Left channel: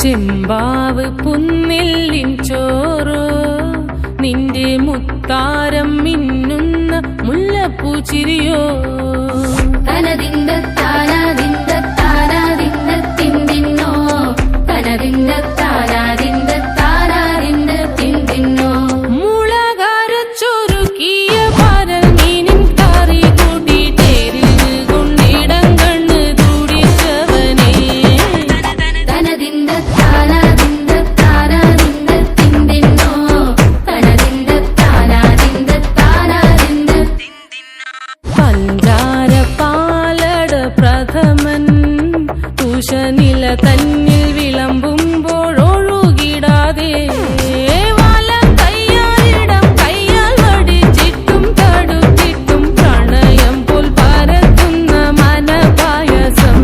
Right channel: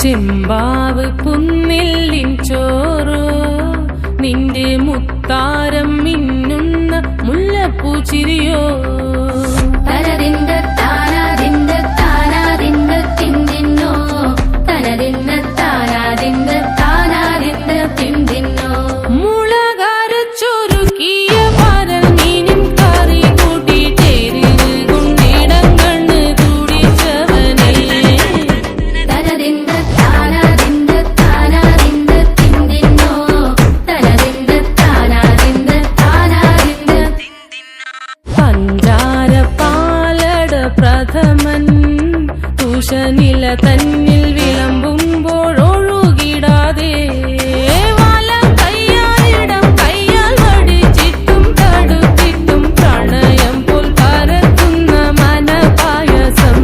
ചെമ്പാവ് പുന്നെല്ലിൻ ചോറ് നിന്റെ മുത്താരം മിന്നുന്ന മുല്ലപ്പൂ ചിരിയോ പ്രഥമൻ തുഷനില തന്നിൽ വിളമ്പുമ്പോഴൊഴുകിടാതെ വലം കയ്യാലിടം കയ്യാൽ വടിച്ചിട്ടും തടുത്തിട്ടും പ്രണയം പോൽ പരത്തുന്ന മനപായസം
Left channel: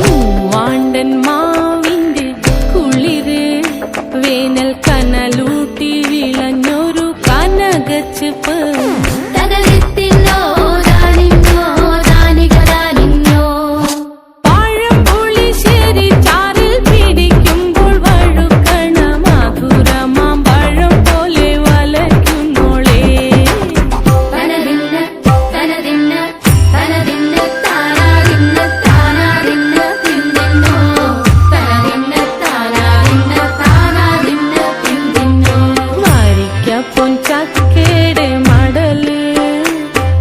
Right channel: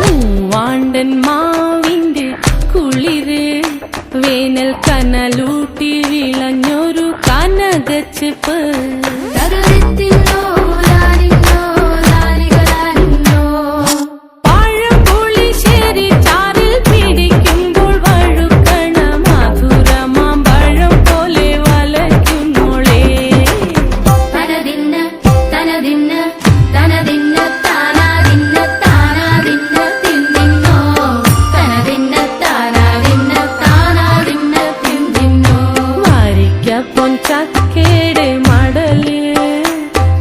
മൂവാണ്ടൻ മാവിന്റെ കുളിര് വേനൽ കനലൂട്ടി വിളഞ്ഞൊരു കനകച്ചെപ്പ് പഴംപുളിശ്ശേരി ചാറിൽ പിടിക്കുമ്പോൾ വഴുക്കണ മധുരമാം പഴം പോലെ വലയ്ക്കുന്നോളേ പൊൻചക്കയുടെ മടല്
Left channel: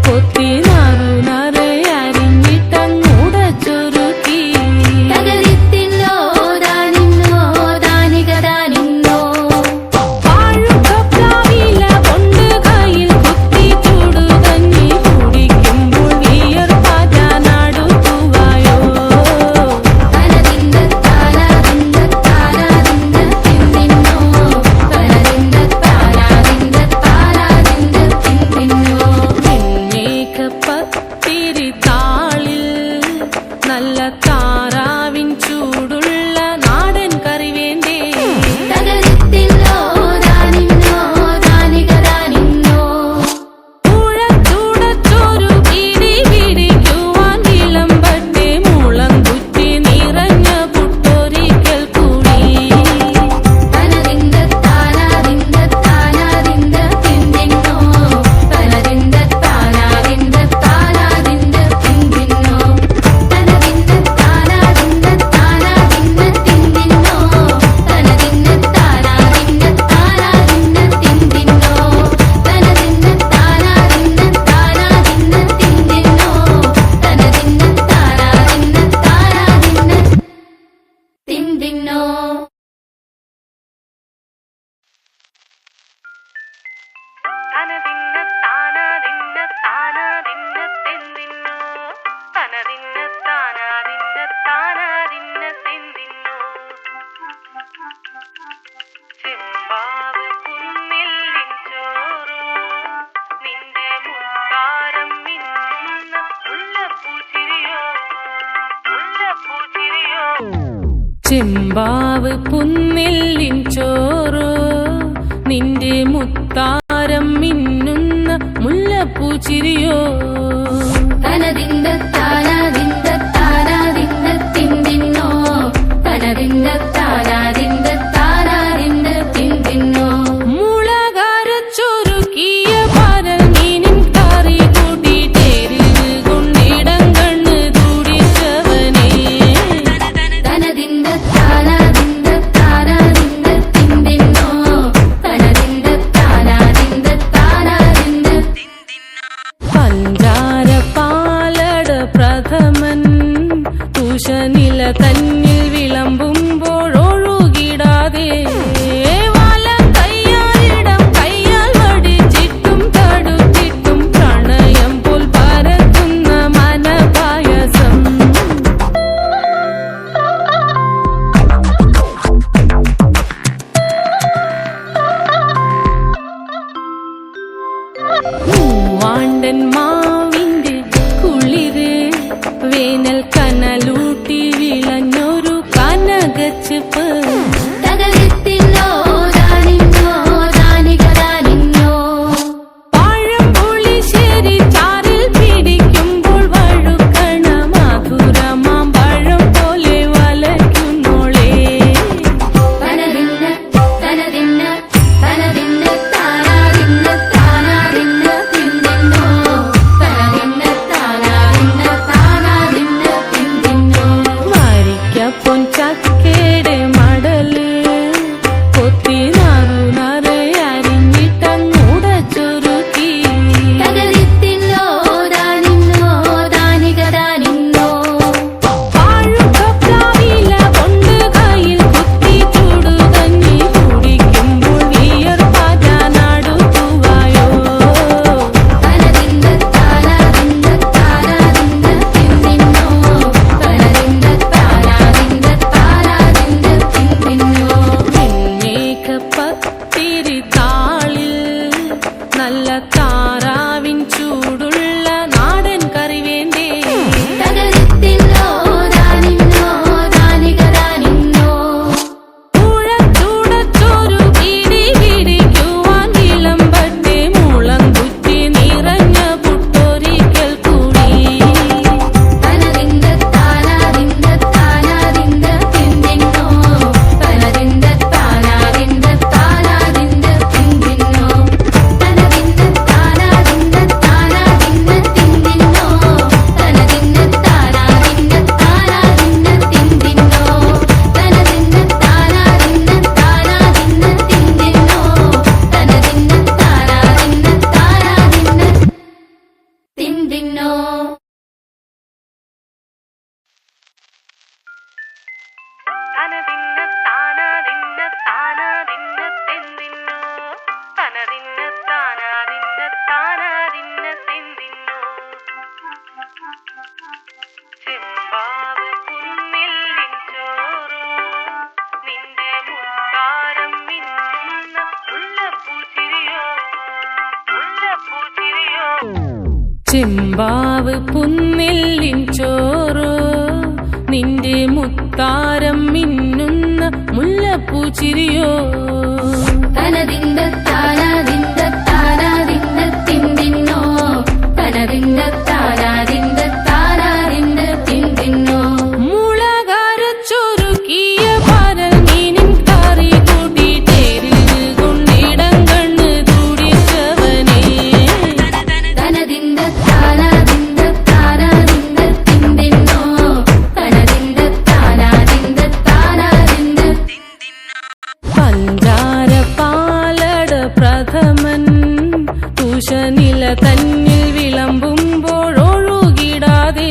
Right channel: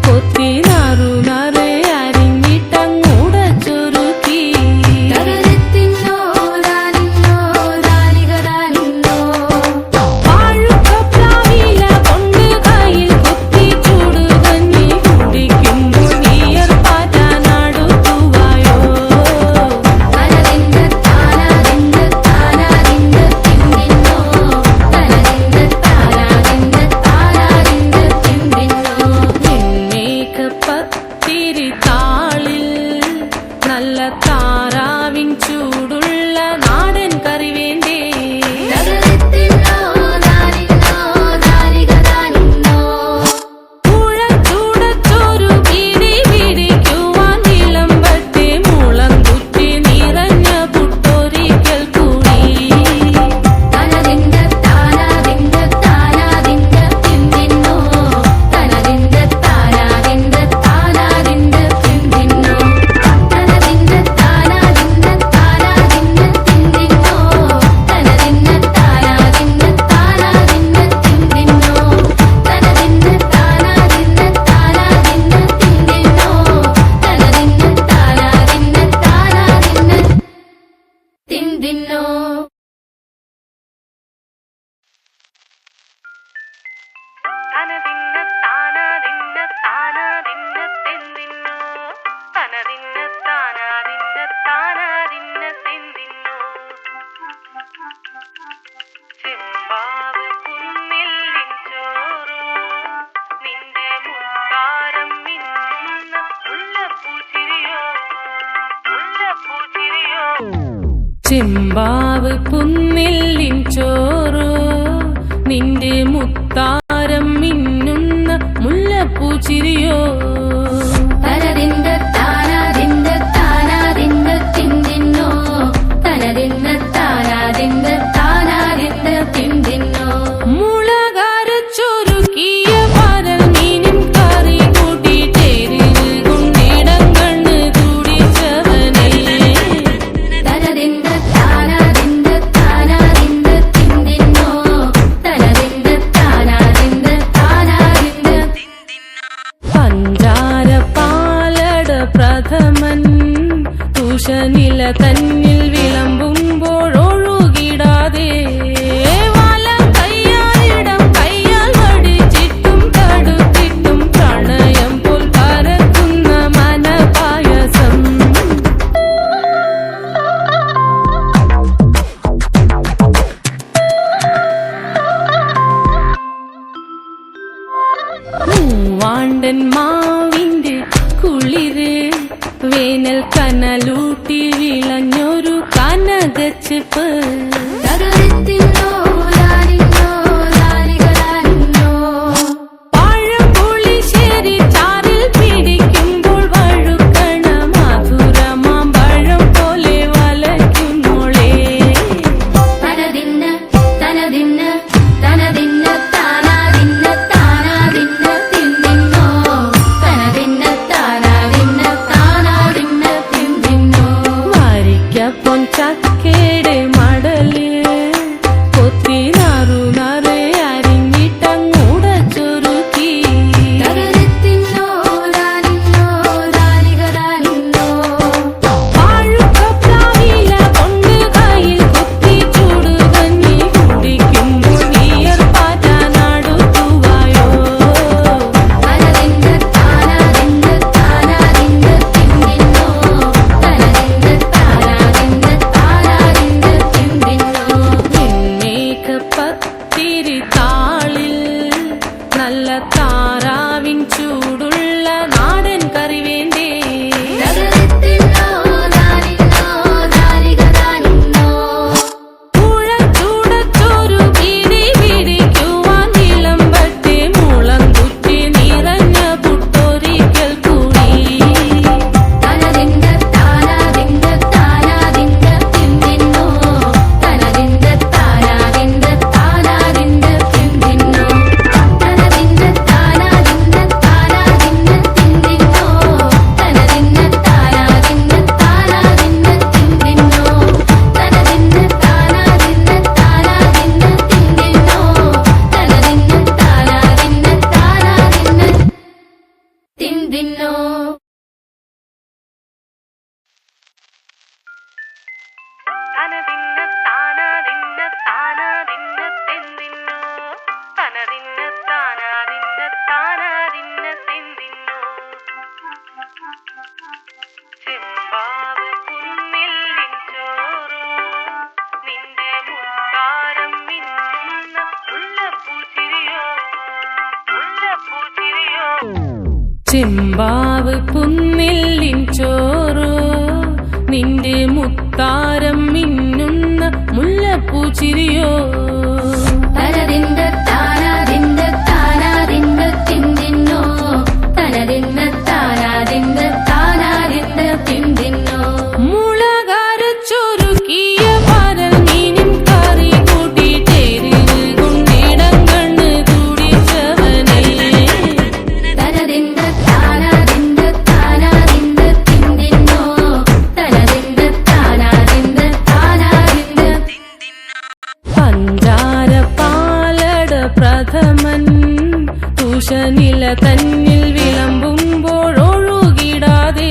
കൊത്തി നാറു നാറ് അരിഞ്ഞിട്ടങ്ങൂട ചൊരുക്കി പാഴുക്കപ്ലാവില കൊണ്ട് കയ്യിൽ കുത്തി ചൂടുകഞ്ഞി കുടിക്കുമ്പോൾ വിയർപ്പാറ്റാനടുത്തുവായോ പത്തിരി താളിൽ നല്ല താറാവിൻ ചൂടുള്ള നാടൻ കറി വേണ്ടേ പുഴച്ചൂടച്ചോരു പിടി പിടിക്കുവാൻ വിളമ്പട്ടെ മുളം കുറ്റി നിറഞ്ഞ പുട്ടൊരിക്കൽ കൂടി ചെമ്പാവ് പുന്നെല്ലിൻ ചോറ് നിന്റെ മുത്താരം മിന്നുന്ന മുല്ലപ്പൂ ചിരിയോ മുളകരച്ചൊരുക്കിയ പരൽ മീനിൻ കറി കൂട്ടിട്ടേരിവ് കൊണ്ടിടം കണ്ണ് തുടിച്ചവനേ പ്രഥമൻ തുഷനില തന്നിൽ വിളമ്പുമ്പോഴൊഴുകിടാതെ വലം കയ്യാലിടം കയ്യാൽ വടിച്ചിട്ടും തടുത്തിട്ടും പ്രണയം പോൽ പരത്തുന്ന മനപായസം മാവിന്റെ കുളിര് വേനൽ കനലൂട്ടി വിളഞ്ഞൊരു കനകച്ചെപ്പ് പൊൻചക്കയുടെ മടല് കൊത്തി നാറു നാറ് അരിഞ്ഞിട്ടങ്ങൂട ചൊരുക്കി പാഴുക്കപ്ലാവില കൊണ്ട് കയ്യിൽ കുത്തി ചൂടുകഞ്ഞി കുടിക്കുമ്പോൾ വിയർപ്പാറ്റാനടുത്തുവായോ പത്തിരി താളിൽ നല്ല താറാവിൻ ചൂടുള്ള നാടൻ കറി വേണ്ടേ ചൂടച്ചോരു പിടി പിടിക്കുവാൻ വിളമ്പട്ടെ മുളം കുറ്റി നിറഞ്ഞ പുട്ടൊരിക്കൽ കൂടി ചെമ്പാവ് പുന്നെല്ലിൻ ചോറോ നിന്റെ മുത്താരം മിന്നുന്ന മുല്ലപ്പൂച്ചിരിയോ മുളകരച്ചൊരുക്കിയ പരൽ മീനിൻ കറി കൂട്ടിട്ടേരിവ് കൊണ്ടിടം കണ്ണ് തുടിച്ചവനേ പഞ്ചാര പാലട പ്രഥമൻ തുഷനില തന്നിൽ വിളമ്പുമ്പോഴൊഴുകിടാതെ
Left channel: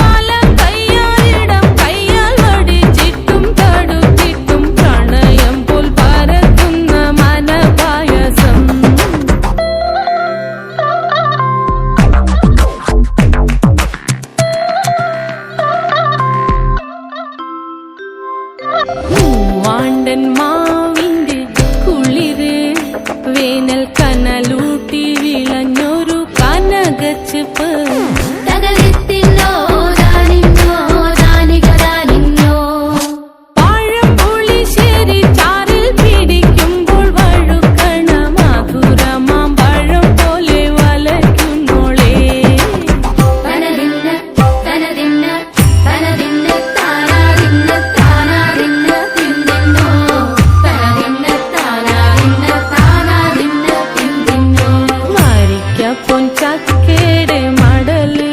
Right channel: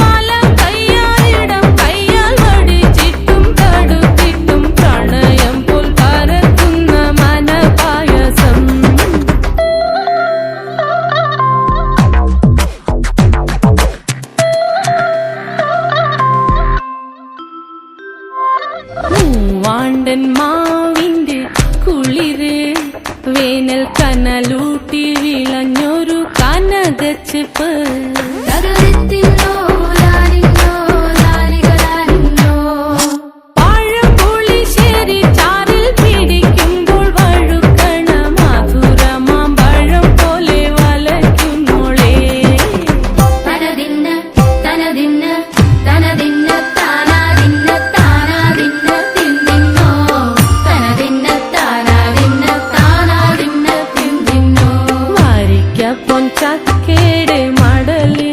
വലം കയ്യാലിടം കയ്യാൽ വടിച്ചിട്ടും തടുത്തിട്ടും പ്രണയം പോൽ പരക്കുന്ന മനപായസം മൂവാണ്ടൻ മാവിന്റെ കുളിര് വേനൽ കനലൂട്ടി വിളഞ്ഞൊരു കനകച്ചെപ്പ് പഴംപുളിശ്ശേരി ചാറിൽ പിടിക്കുമ്പോൾ വഴുക്കണ മധുരമാം പഴം പോലെ വലയ്ക്കുന്നോളേ പൊൻചക്കയുടെ മടല്